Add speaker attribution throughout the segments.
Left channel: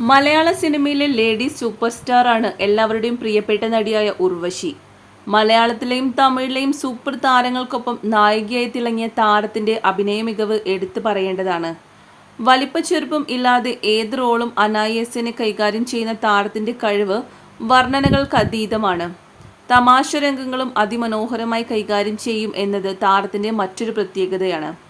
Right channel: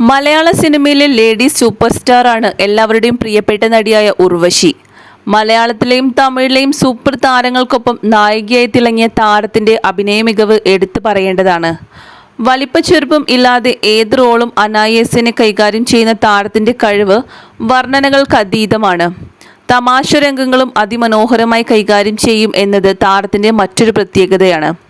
Speaker 1: മലയാള സിനിമയിലെ lady super star ആണ് എല്ലാവരുടെയും പ്രിയപ്പെട്ട നടിയായ ഉർവശി. മലയാളത്തിലെയും തമിഴിലെയും സൂപ്പർ താരങ്ങൾക്കൊപ്പം നായികയായി തിളങ്ങിയ താരത്തിന്റെ അഭിനയ മികവ് എടുത്തു പറയേണ്ടതാണ്. വലിപ്പച്ചെറുപ്പം ഇല്ലാതെ ഏത് റോളും അനായസിനെ കൈകാര്യം ചെയ്യുന്ന താരത്തിന്റെ കഴിവ് വർണനകൾക്ക് അതീതമാണ്. തമാശ രംഗങ്ങളും അതിമനോഹരമായി കൈകാര്യം ചെയ്യും എന്നത് താരത്തിന്റെ മറ്റൊരു പ്രത്യേകതയാണ്.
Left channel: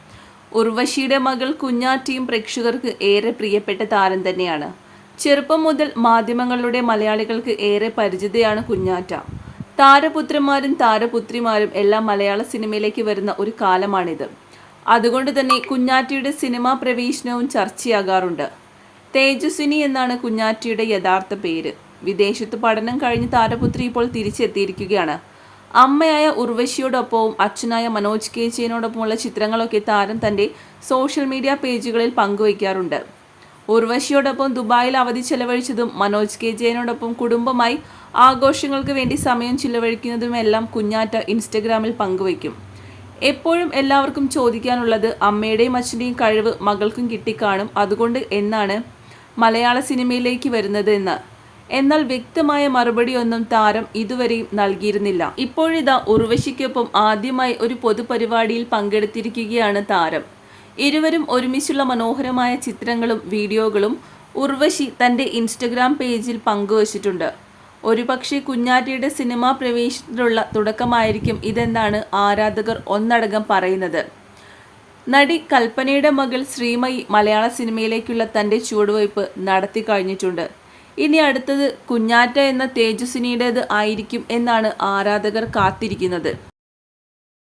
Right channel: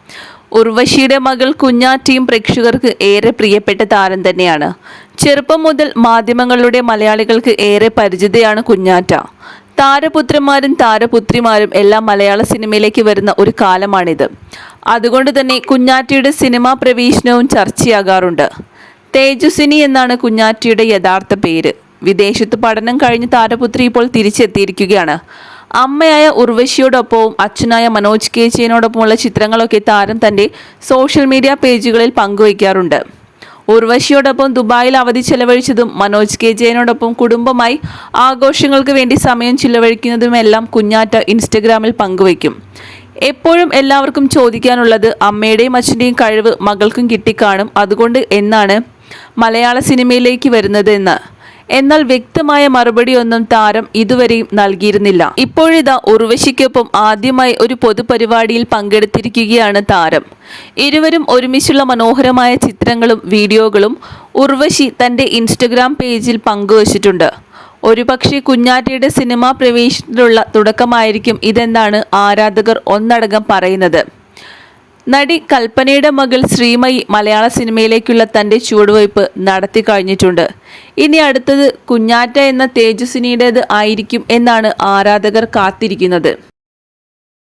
Speaker 1: ഉർവശിയുടെ മകൾ കുഞ്ഞാറ്റിയും പ്രേക്ഷകർക്ക് ഏറെ പ്രിയപ്പെട്ട താരം തന്നെയാണ്. ചെറുപ്പം മുതൽ മാധ്യമങ്ങളുടെ മലയാളികൾക്ക് ഏറെ പരിചിതയാണ് കുഞ്ഞാറ്റ. താരപുത്രന്മാരും താരപുത്രിമാരും എല്ലാം മലയാള സിനിമയിലേക്ക് വരുന്ന ഒരു കാലമാണിത്. അതുകൊണ്ട് തന്നെ കുഞ്ഞാറ്റയുടെ സിനിമാ പ്രവേശനവും ചർച്ചയാകാറുണ്ട്. തേജസ്വിനി എന്നാണ് കുഞ്ഞാറ്റയുടെ യഥാർത്ഥ പേര്. വിദേശത്ത് പഠനം കഴിഞ്ഞ് താരപുത്രി ഇപ്പോൾ തിരിച്ചെത്തിയിരിക്കുകയാണ്. അമ്മയായ ഉർവശിയോടൊപ്പവും അച്ഛനായ മനോജ് കെ ജെയിനോടൊപ്പമുള്ള ചിത്രങ്ങളൊക്കെ താരം തന്റെ സോഷ്യൽ മീഡിയ പേജുകളിൽ പങ്കുവയ്ക്കാറുണ്ട്. ഉർവശിയോടൊപ്പം ദുബായിൽ അവധി ചെലവഴിച്ചതും മനോജ് കെ ജെയിനോടൊപ്പം കുടുംബമായി ആഘോഷങ്ങൾക്ക് വേണ്ടി സമയം ചിലവഴിക്കുന്നതുമെല്ലാം കുഞ്ഞാറ്റ ഇൻസ്റ്റഗ്രാമിൽ പങ്കുവയ്ക്കും. എപ്പോഴും എല്ലാവർക്കും ചോദിക്കാനുള്ളത് അമ്മയുടെയും അച്ഛന്റെയും കഴിവ് മകൾക്കും കിട്ടിക്കാണും അതുകൊണ്ട് എന്നാണ് മലയാള സിനിമയിലേക്ക് വരുന്നത് എന്ന്. എന്നാൽ വ്യക്തമായ മറുപടിയൊന്നും താരം ഇതുവരെയും നൽകിയിരുന്നില്ല. ഇപ്പോഴിതാ ഉർവശിക്കൊപ്പം ആദ്യമായി ഒരു പൊതുപരിപാടിയിൽ പങ്കെടുത്തിരിക്കുകയാണ് താരം. ഇരുവരും ഒരുമിച്ചുള്ള മനോഹരമായ ചിത്രങ്ങളും വീഡിയോകളും ഉർവശി തന്റെ ഇൻസ്റ്റഗ്രാം പേജിൽ പങ്കുവച്ചിട്ടുണ്ട്. ഒരുപക്ഷെ കുഞ്ഞാറ്റയുടെ സിനിമാ പ്രവേശനത്തിലുള്ള തുടക്കമായിരിക്കും ഇതെന്നാണ് ആരാധകർ ഒന്നടങ്കം പറയുന്നത്. നടി കൽപ്പനയുടെ മകൾ ശ്രീമയി മലയാള സിനിമയിലേക്കുള്ള തന്റെ ചുവടുവയ്പ് നടത്തി കഴിഞ്ഞിട്ടുണ്ട്. ഇനി അടുത്തത് കുഞ്ഞാറ്റ എന്ന തേജസ്വിനിയുടേത് ആയിരിക്കും എന്നാണ് ആരാധകർ കാത്തിരിക്കുന്നത്.